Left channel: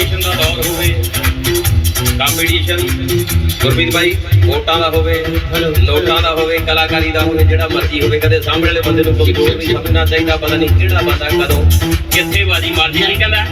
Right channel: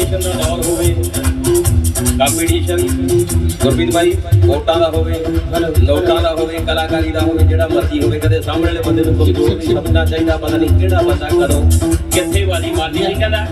Competition ਦਾ ਦੌਰ ਹੋਵੇ competition Gurpreet ਭਾਈ ਵੋਟਾਂ ਦਾ ਹੋਵੇ ਲੋਟਾਂ ਦਾ ਹੋਵੇ ਕਲਾਕਾਰੀ ਦਾ ਹੋਵੇ ਜਿਹੜਾ ਮਰਜ਼ੀ ਹੋਵੇ ਕਦੇ ਸਾਹਮਣੇ ਵਾਲੇ ਬੰਦੇ ਨੂੰ ਕੋਈ ਨਹੀਂ ਸਮਝਣਾ ਚਾਹੀਦਾ ਪਤਾ ਨਹੀਂ ਕਿਹੜਾ ਬੰਦਾ ਕਦੋਂ ਕਿੱਥੇ ਬਾਜੀ ਮਾਰਦੀ ਕਹਿੰਦਾ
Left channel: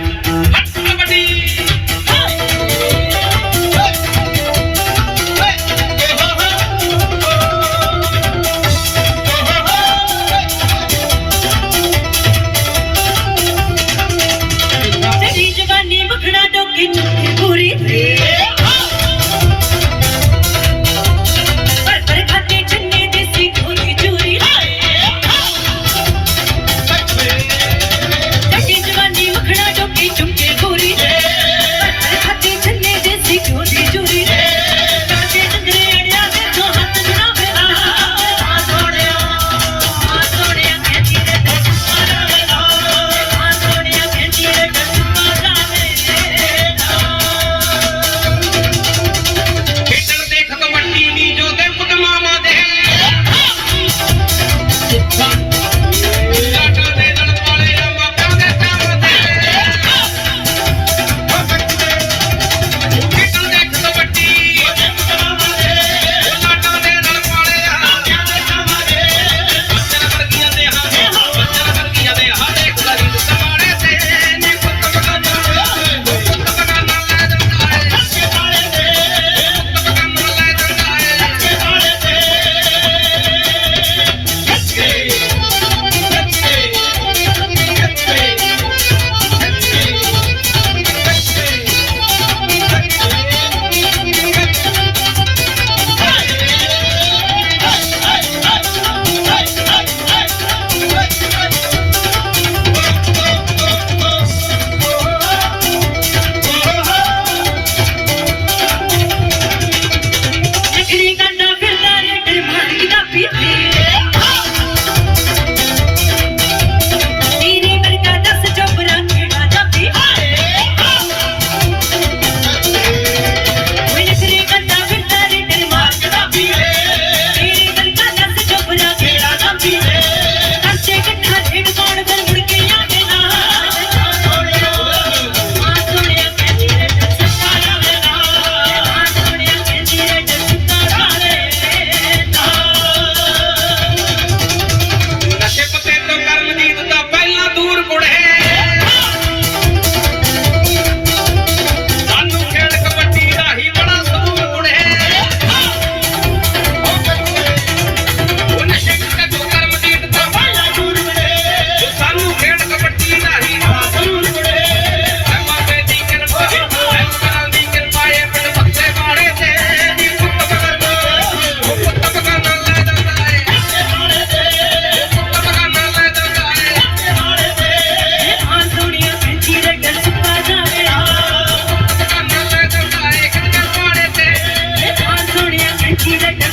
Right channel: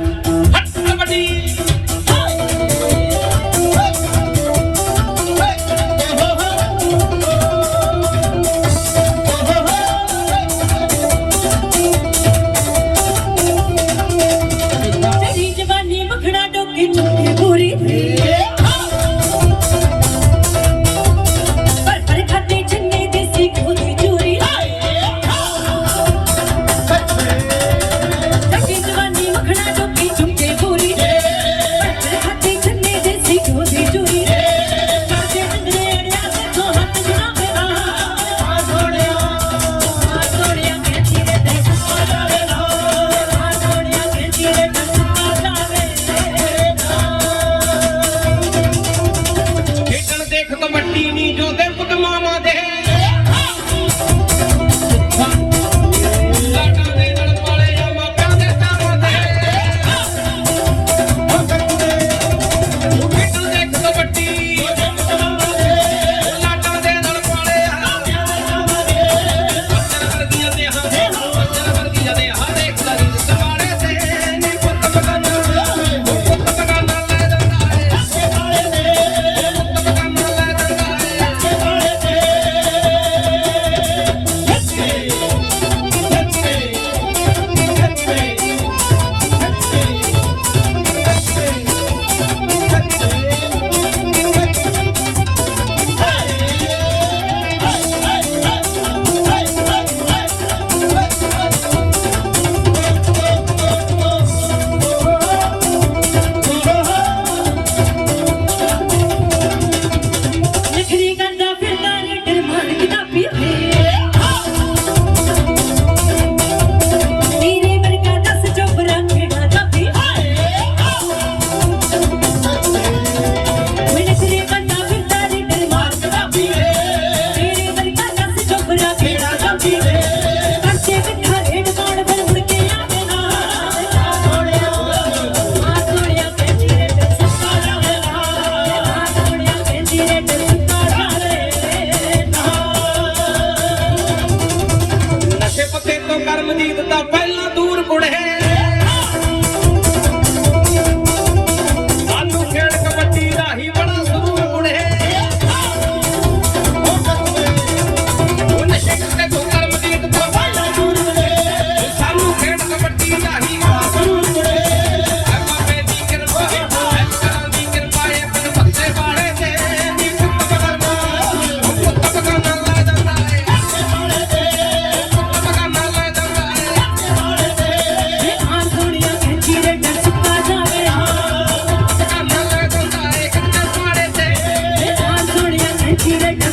Kira, Kira.